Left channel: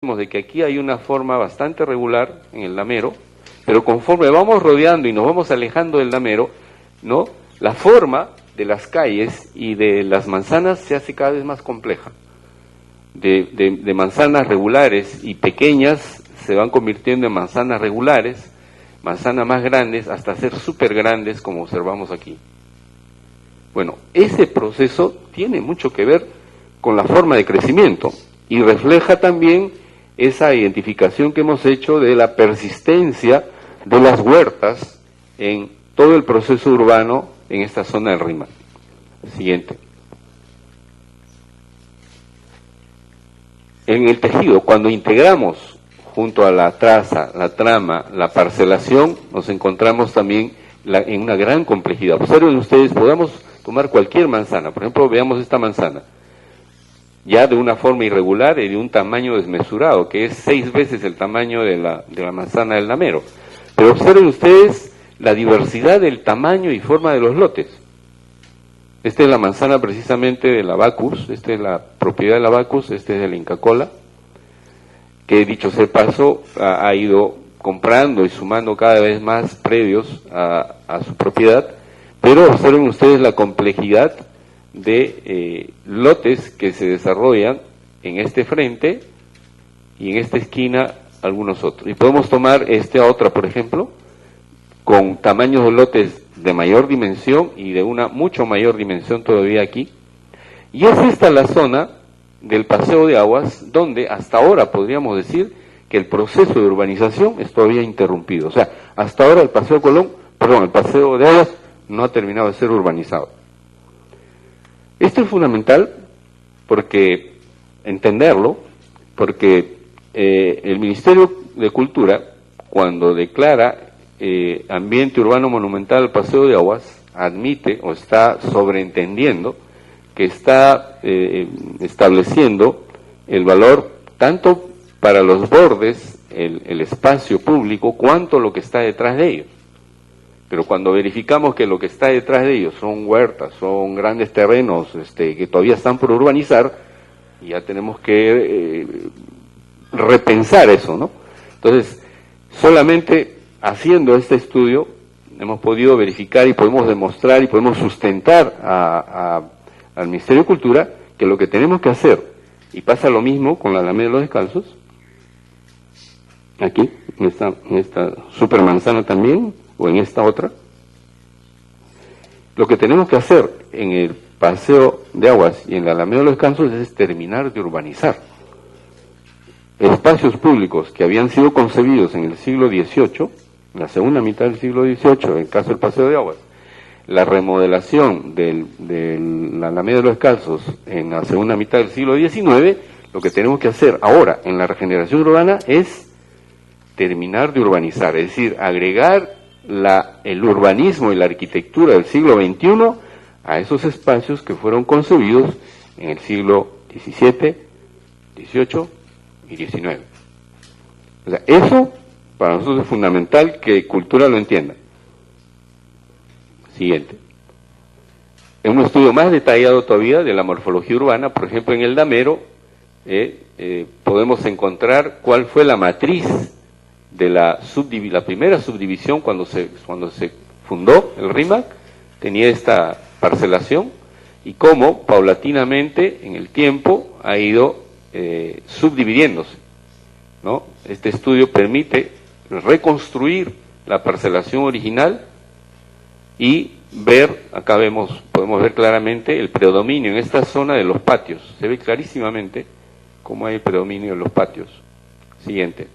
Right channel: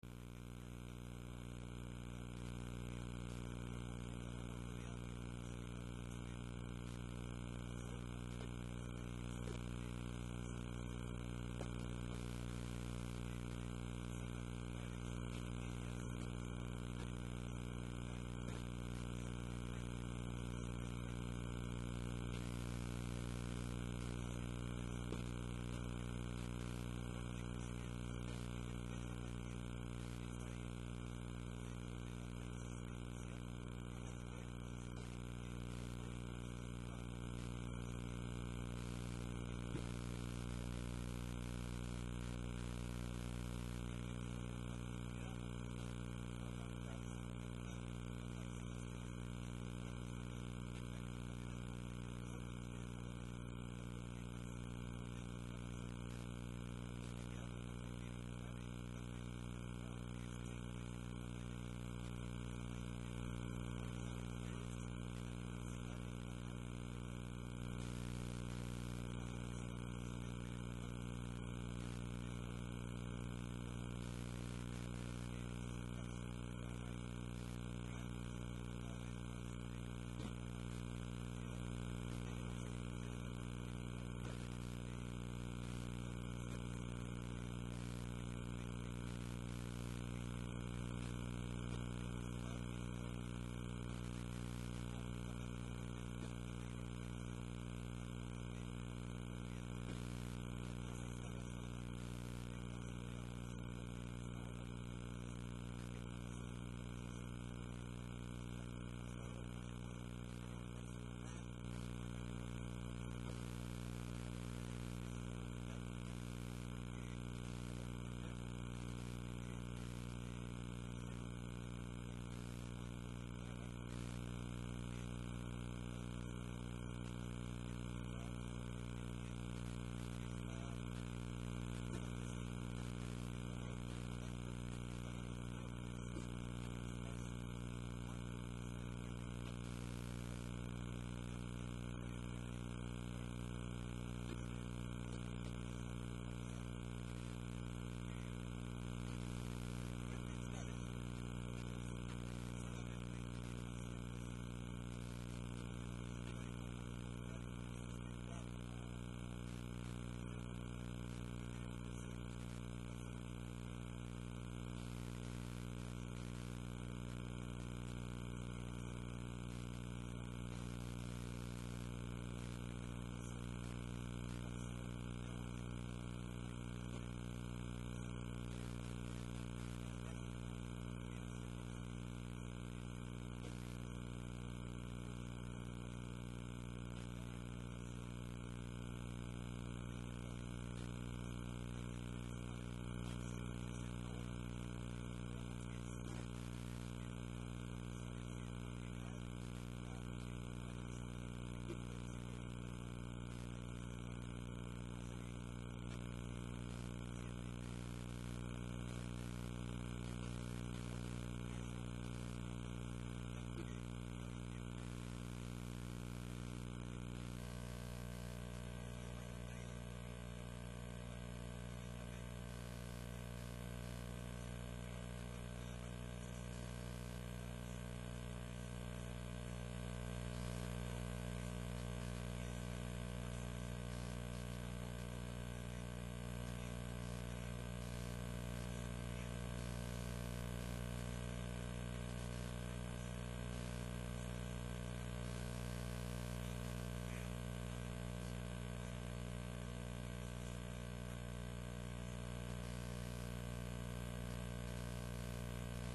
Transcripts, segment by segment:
de que aquí hay una forma bastante regular en el damero, pero conforme vamos rodeando y nos vamos alejando del damero, ¿no? La forma de las calles y de las manzanas se hace cada vez más compleja. De manzanas regulares y pequeñas se van convirtiendo en manzanas regulares, manzanas más grandes, hasta ser súper grandes, como observamos aquí. Bueno, ese proceso tiene mucho que ver con la forma de crecimiento y refleja también esa identificación que hemos hecho de la persistencia de las huertas en todo el proceso urbano en esta zona del Rímac. Siguiente. En el tejido, cuando integramos junto a la traza, la trama, la parcelación, nos encontramos también en una gran complejidad. Observen ustedes, podamos tomar cualquier manzana, por ejemplo, veamos esta manzana, ya de una forma irregular y de un tamaño desmesurado, que es 6 veces el tamaño de la manzana del damero. Pero observen ustedes la diversidad del tamaño y forma de los lotes. Esta es la manzana precisamente de la Bacchus, esta es la propiedad de la Bacchus, esta es de la Inca Kola, que dicho sea de paso ha ido comprando y sumando cada vez más predios a su propiedad, pero observen ustedes la complejidad de lotes que se desarrollan en este frente y en esta esquina algunos otros. Y podemos tomar esta otra, por ejemplo, con tamaños de lotes de mayor dimensión y de una mucho mayor dimensión todavía aquí. Y es esta la zona del Paseo de Aguas donde hasta ahora podríamos decir que el proceso de urbanización es todavía interrumpido. O sea, hasta ahora el Paseo de Aguas no ha terminado de ser urbanizado. Esto es fundamental porque entenderlo, porque el Ministerio de Cultura, cuando declara ambiente urbano monumental al Paseo de Aguas, admite o está sobreentendiendo que está estableciendo el valor tanto para los bordes, el espacio público, cuanto lo que está detrás de ellos. Pero cuando verificamos que lo que está detrás de ellos son huertas, son grandes terrenos que todavía están por urbanizar, ya tenemos que repensar eso, ¿no? Entonces, solamente haciendo este estudio hemos podido verificar y podemos demostrar y podemos sustentar al Ministerio de Cultura que lo que tenemos que hacer, y pasa lo mismo con la Alameda de los Descalzos, aquí, en esta supermanzana también, o en esta otra, lo que tenemos que hacer en el Paseo de Aguas y en la Alameda de los Descansos es terminar de urbanizar espacios públicos que habían sido concebidos en el siglo XVIII, en la segunda mitad del siglo XVIII, en el caso del Paseo de Aguas, la remodelación de la Alameda de los Descalzos en la segunda mitad del siglo XIX. Lo que tenemos que hacer ahora en la regeneración urbana es terminar de urbanizar, es decir, agregar el urbanismo y la arquitectura del siglo XXI a esos espacios que fueron concebidos en el siglo XVII, XVIII y XIX. O sea, eso para nosotros es fundamental que Cultura lo entienda. Siguiente. En un estudio más detallado todavía de la morfología urbana, por ejemplo en el damero, podemos encontrar cuál fue la matriz de la primera subdivisión cuando se fundó el Rímac, tenía esta parcelación, y cómo paulatinamente en el tiempo ha ido subdividiéndose, ¿no? Este estudio permite reconstruir la parcelación original y ver, acá podemos ver claramente el predominio en esta zona de los patios, se ve clarísimamente cómo hay predominio en los patios. Siguiente.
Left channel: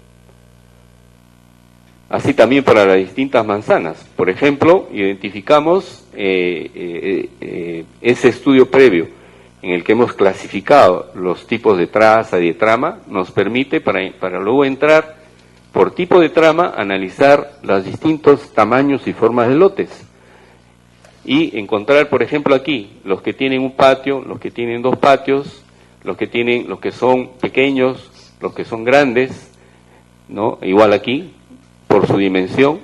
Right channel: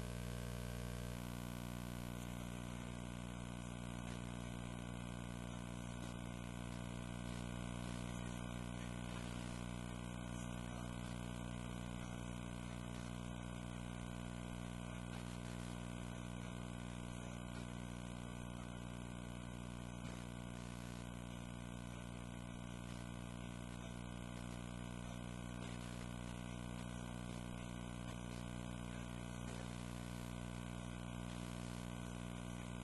Así también para las distintas manzanas. Por ejemplo, identificamos ese estudio previo en el que hemos clasificado los tipos de traza y de trama, nos permite para luego entrar por tipo de trama, analizar los distintos tamaños y formas de lotes y encontrar, por ejemplo, aquí los que tienen un patio, los que tienen 2 patios, los que son pequeños, los que son grandes, ¿no? Igual aquí por su dimensión,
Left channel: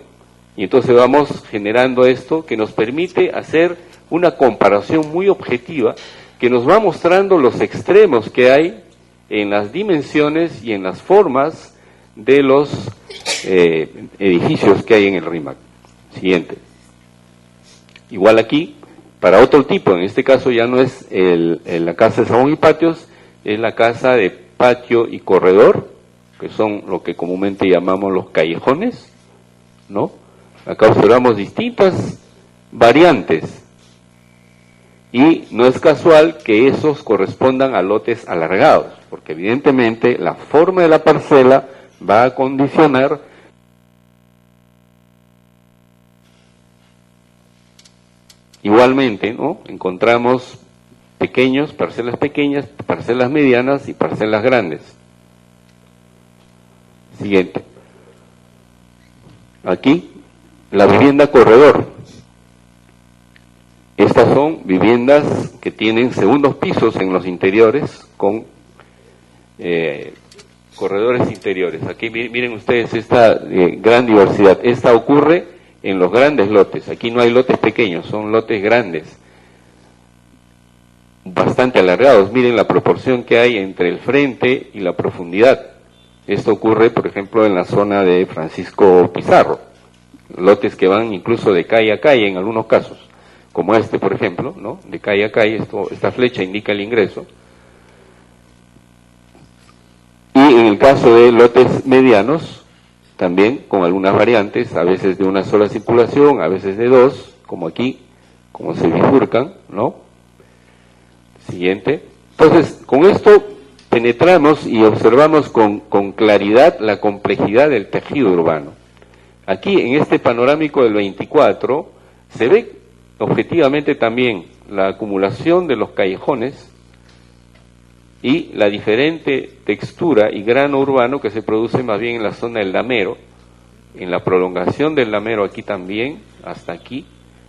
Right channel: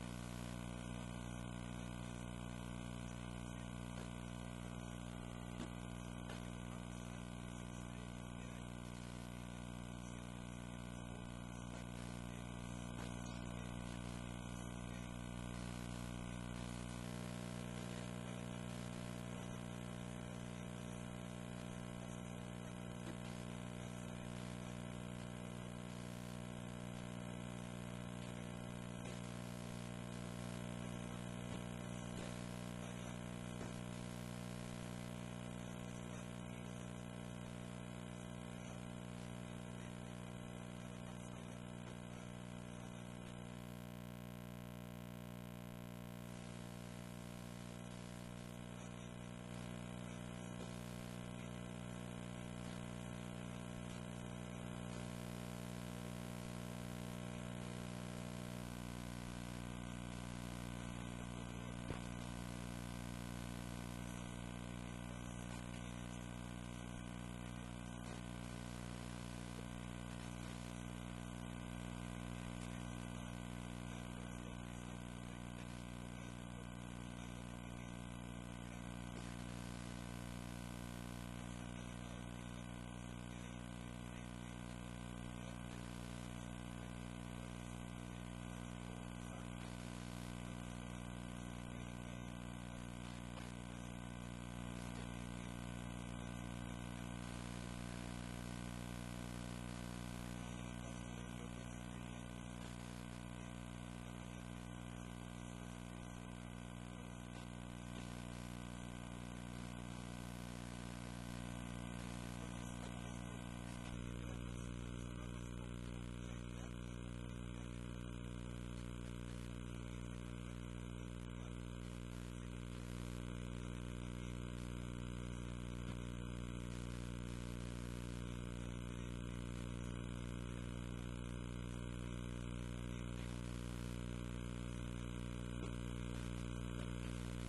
y entonces vamos generando esto que nos permite hacer una comparación muy objetiva que nos va mostrando los extremos que hay en las dimensiones y en las formas de los edificios que hay en el RIMAC. Siguiente. Igual aquí, para otro tipo, en este caso ya no es la casa de salón y patios, es la casa de patio y corredor, que son lo que comúnmente llamamos los callejones, ¿no? Acá observamos distintas variantes, y no es casual que esos correspondan a lotes alargados, porque evidentemente la forma de la parcela va a condicionar igualmente, ¿no? Encontramos parcelas pequeñas, parcelas medianas y parcelas grandes. Siguiente. Aquí, la vivienda corredor. Estas son viviendas que tienen segundos pisos en los interiores con corredores interiores. Aquí miren ustedes esta gran diversidad. Esta ocurre en los grandes lotes. Aquí no hay lotes pequeños, son lotes grandes, bastante alargados. Miren la proporción que hay entre el frente y la profundidad. Esto ocurre, por ejemplo, en la zona de Francisco Pizarro. Lotes que van incluso de calle a calle en algunos casos, como este, por ejemplo, ¿no? De calle a calle, esta flecha indica el ingreso. Y en el caso de lotes medianos, también con algunas variantes, a veces de una sola circulación, a veces de dos, como aquí, como se bifurcan, ¿no? Siguiente. Entonces, con esto penetramos y observamos con claridad la complejidad del tejido urbano. Aquí, en este panorámico del 24, se ve objetivamente también la acumulación de los callejones y la diferente textura y grano urbano que se produce más bien en la zona del Damero, en la prolongación del Damero aquí también, hasta aquí,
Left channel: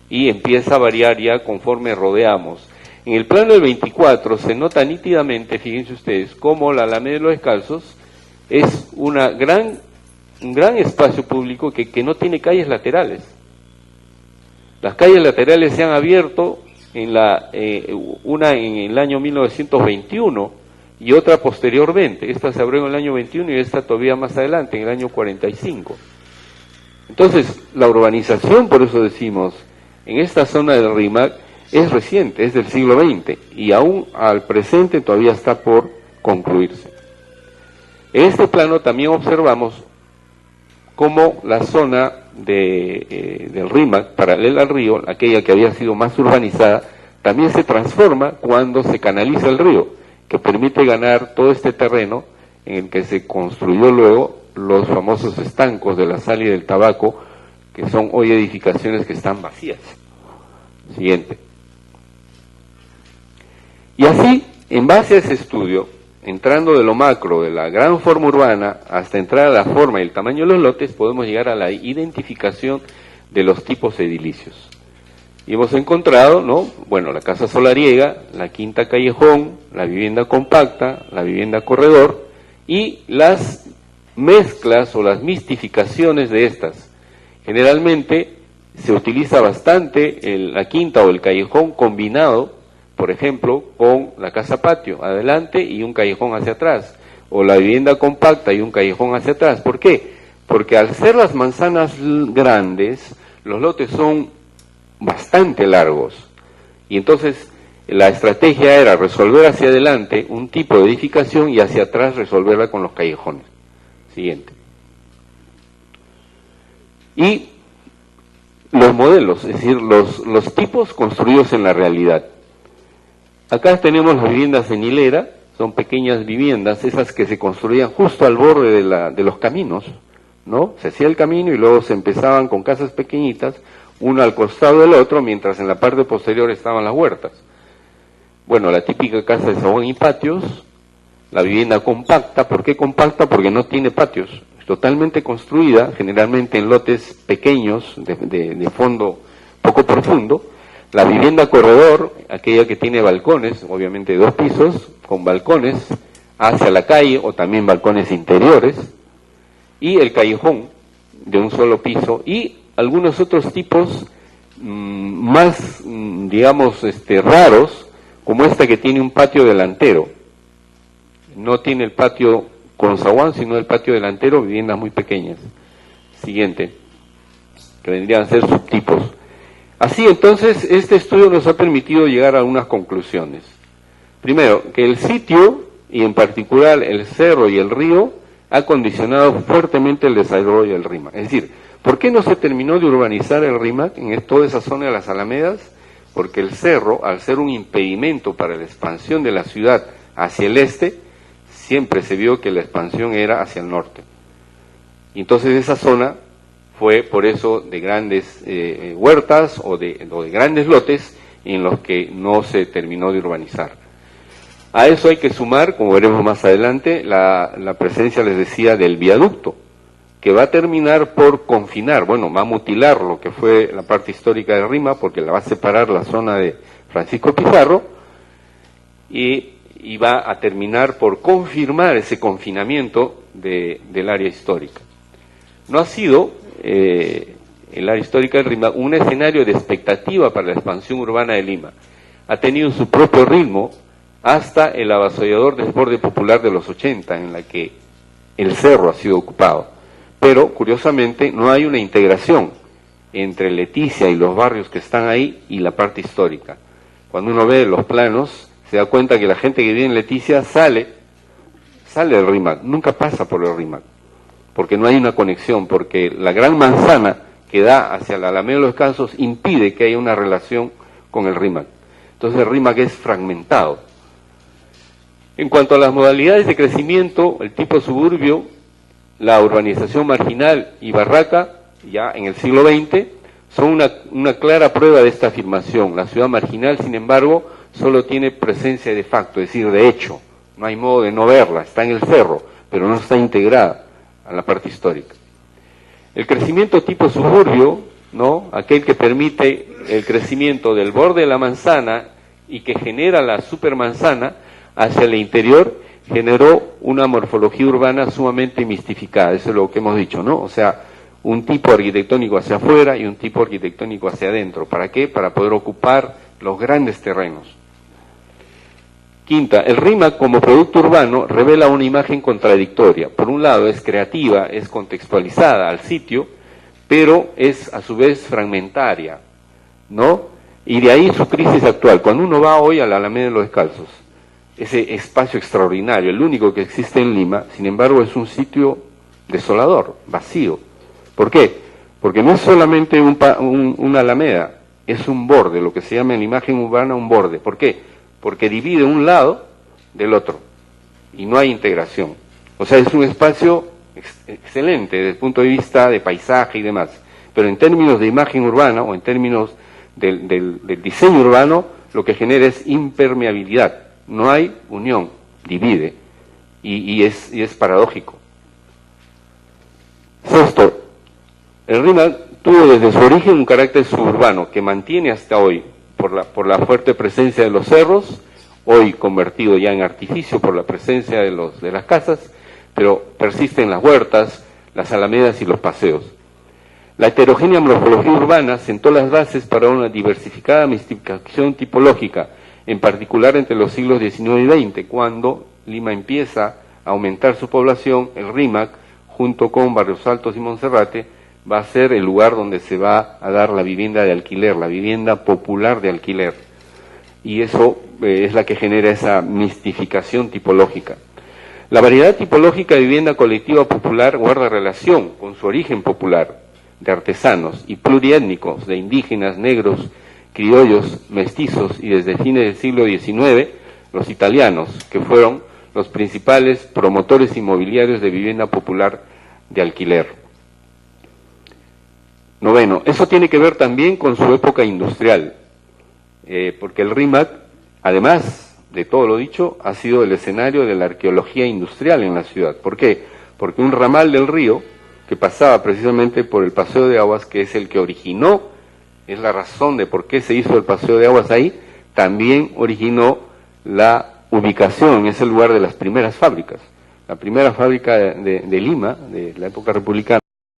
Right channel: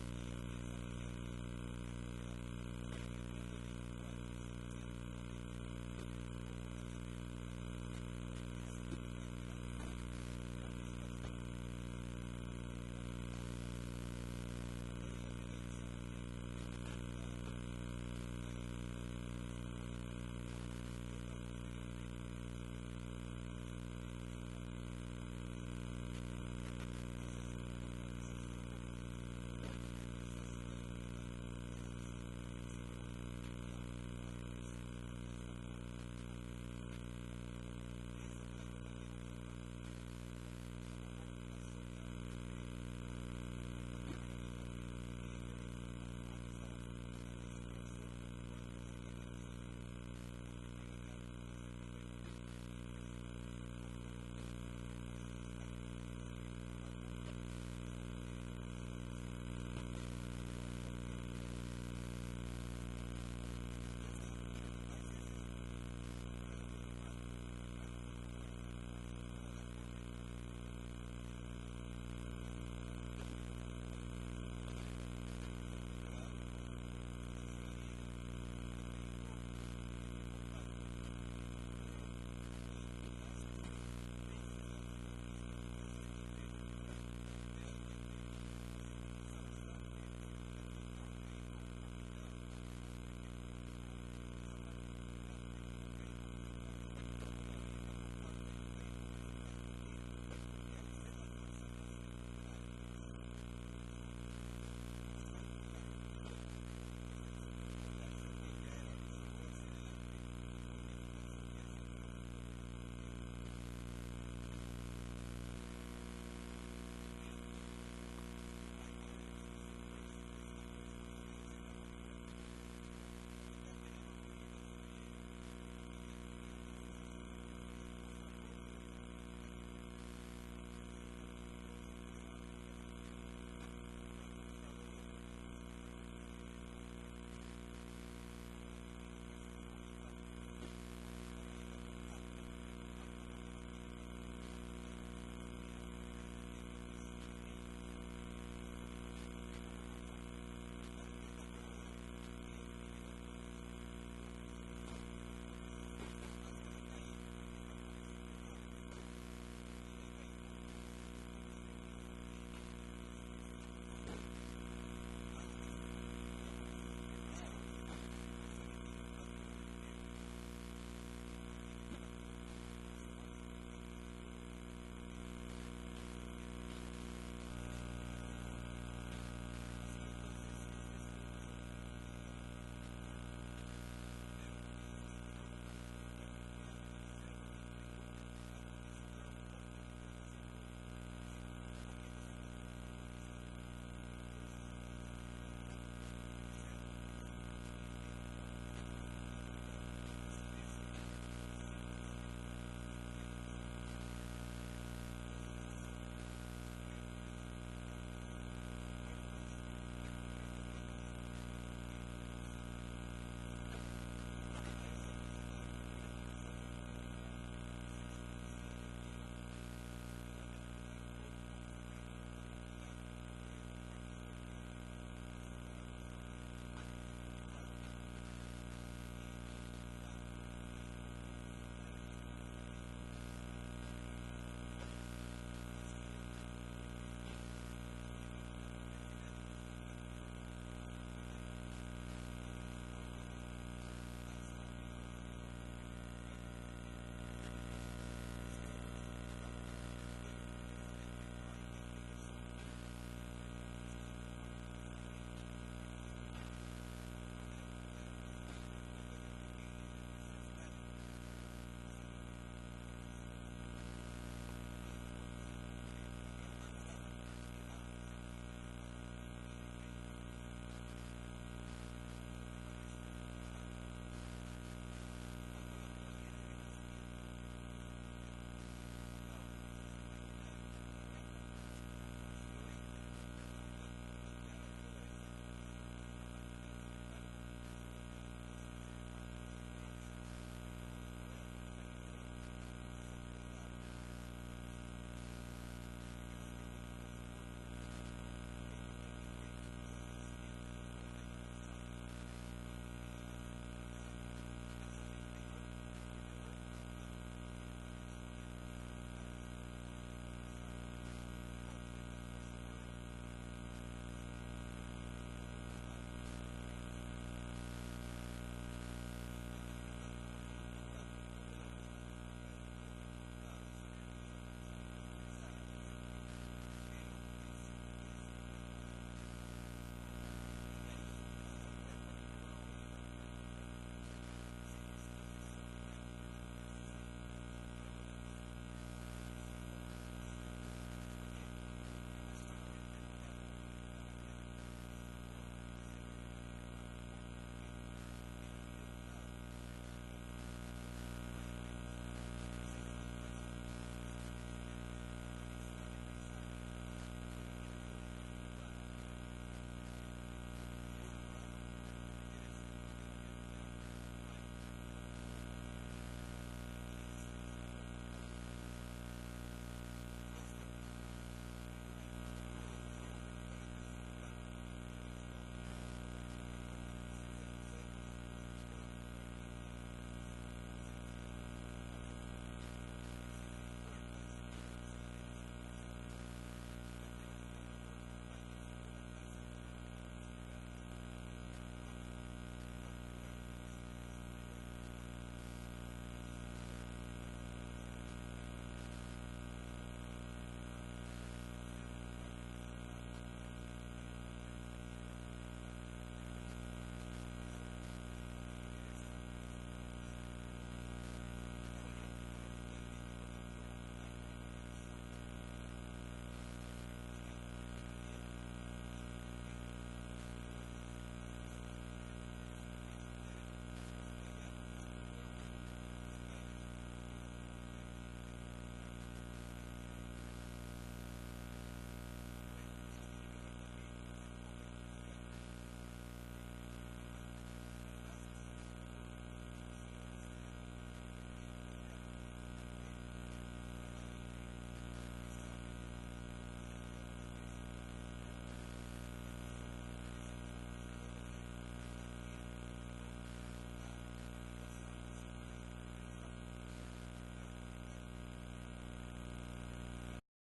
y empieza a variar ya conforme rodeamos. En el plano del 24 se nota nítidamente, fíjense ustedes, cómo la Alameda de los Descalzos es un gran espacio público que no tiene calles laterales. Las calles laterales se han abierto, una en el año 1921 y otra posteriormente. Esta se abrió en el año 21 y esta todavía más adelante, en el año 45. Entonces, la urbanización, por eso decimos, en esta zona del RIMAC es reciente, es del siglo XX, y aún al presente todavía está por concluirse. En este plano también observamos cómo la zona del RIMAC, paralela al río, aquella que había sido más urbanizada, también se transforma cuando se canaliza el río, que permite ganar todo este terreno en el que se construyó luego los famosos estancos de la sal y del tabaco, que son hoy edificaciones que están vacías. Siguiente. Y así, en base a ese estudio, entrando de lo macro, de la gran forma urbana, hasta entrar a la forma y el tamaño de los lotes, podemos llegar a la identificación de los tipos edilicios. Y hemos encontrado, ¿no? Bueno, la casa solariega, la quinta callejón, la vivienda compacta, la vivienda corredor, y las mezclas o las mistificaciones de estas. Generalmente se utiliza bastante la quinta o el callejón combinado, por ejemplo, con la casa patio adelante y un callejón hacia atrás, o la vivienda compacta y un callejón hacia atrás. ¿Por qué? Porque al ser las manzanas grandes, los lotes son bastante largos, y entonces la estrategia era resolver hacia adelante un tipo de edificación y hacia atrás resolverla con los callejones. Siguiente. Y los modelos, es decir, los tipos construidos en la realidad. Acá tenemos las viviendas en hilera, son pequeñas viviendas, esas que se construían justo al borde de los caminos, ¿no? Se hacía el camino y luego se empezaban con casas pequeñitas, uno al costado del otro, mientras en la parte posterior estaban las huertas. Bueno, la típica casa de salón y patios, la vivienda compacta. ¿Por qué compacta? Porque no tiene patios, es totalmente construida, generalmente en lotes pequeños, de fondo poco profundo. La vivienda corredor, aquella que tiene balcones, obviamente 2 pisos, con balcones hacia la calle o también balcones interiores, y el callejón de un solo piso, y algunos otros tipos más, digamos, raros, como esta que tiene un patio delantero. no tiene el patio con zaguán, sino el patio delantero, viviendas muy pequeñas. Siguiente, que vendrían a ser subtipos. Así entonces, este estudio nos ha permitido llegar a algunas conclusiones. Primero, que el sitio, y en particular el cerro y el río, ha condicionado fuertemente el desarrollo del RIMAC. Es decir, ¿por qué no se terminó de urbanizar el RIMAC en toda esa zona de las Alamedas? Porque el cerro, al ser un impedimento para la expansión de la ciudad hacia el este, siempre se vio que la expansión era hacia el norte. Y entonces esa zona fue por eso de grandes huertas o de grandes lotes en los que no se terminó de urbanizar. A eso hay que sumar, como veremos más adelante, la presencia, les decía, del viaducto, que va a terminar por confinar, bueno, va a mutilar lo que fue la parte histórica de Rima, porque la va a separar la zona de Francisco Pizarro, y va a terminar por confirmar ese confinamiento del área histórica. No ha sido el área histórica de Rima un escenario de expectativa para la expansión urbana de Lima. Ha tenido su propio ritmo hasta el avasallador desborde popular de los 80, en la que el cerro ha sido ocupado. Pero, curiosamente, no hay una integración entre Leticia y los barrios que están ahí y la parte histórica. Cuando uno ve los planos, se da cuenta que la gente que vive en Leticia sale del RIMAC, nunca pasa por el RIMAC, porque no hay una conexión, porque la gran manzana que da hacia la Alameda de los Descansos impide que haya una relación con el RIMAC. Entonces el RIMAC es fragmentado. En cuanto a las modalidades de crecimiento, el tipo suburbio, la urbanización marginal y barraca, ya en el siglo XX, son una clara prueba de esta afirmación. La ciudad marginal, sin embargo, solo tiene presencia de facto, es decir, de hecho. No hay modo de no verla, está en el cerro, pero no está integrada a la parte histórica. El crecimiento tipo suburbio, ¿no?, aquel que permite el crecimiento del borde de la manzana y que genera la supermanzana hacia el interior, generó una morfología urbana sumamente mistificada. Eso es lo que hemos dicho, ¿no? O sea, un tipo arquitectónico hacia afuera y un tipo arquitectónico hacia adentro. ¿Para qué? Para poder ocupar los grandes terrenos. Quinta, el RIMAC como producto urbano revela una imagen contradictoria. Por un lado es creativa, es contextualizada al sitio, pero es a su vez fragmentaria, ¿no? Y de ahí su crisis actual. Cuando uno va hoy a la Alameda de los Descalzos, ese espacio extraordinario, el único que existe en Lima, sin embargo es un sitio desolador, vacío. ¿Por qué? Porque no es solamente una alameda, es un borde, lo que se llama en la imagen urbana un borde. ¿Por qué? Porque divide un lado del otro y no hay integración. O sea, es un espacio excelente desde el punto de vista de paisaje y demás, pero en términos de imagen urbana o en términos del diseño urbano, lo que genera es impermeabilidad. No hay unión, divide, y es paradójico. Sexto, el RIMAC tuvo desde su origen un carácter suburbano que mantiene hasta hoy por la fuerte presencia de los cerros, hoy convertido ya en artificio por la presencia de las casas, pero persisten las huertas, las alamedas y los paseos. La heterogénea morfología urbana sentó las bases para una diversificada mistificación tipológica, en particular entre los siglos XIX y XX, cuando Lima empieza a aumentar su población. El RIMAC, junto con Barrios Altos y Monserrate, va a ser el lugar donde se va a dar la vivienda de alquiler, la vivienda popular de alquiler. Y eso es la que genera esa mistificación tipológica. La variedad tipológica de vivienda colectiva popular guarda relación con su origen popular, de artesanos y pluriétnicos, de indígenas, negros, criollos, mestizos y desde fines del siglo XIX, los italianos, que fueron los principales promotores inmobiliarios de vivienda popular de alquiler. Noveno, eso tiene que ver también con su época industrial, porque el RIMAC, además de todo lo dicho, ha sido el escenario de la arqueología industrial en la ciudad. ¿Por qué? Porque un ramal del río, que pasaba precisamente por el Paseo de Aguas, que es el que originó, es la razón de por qué se hizo el Paseo de Aguas ahí, también originó la ubicación en ese lugar de las primeras fábricas. La primera fábrica de Lima, de la época republicana,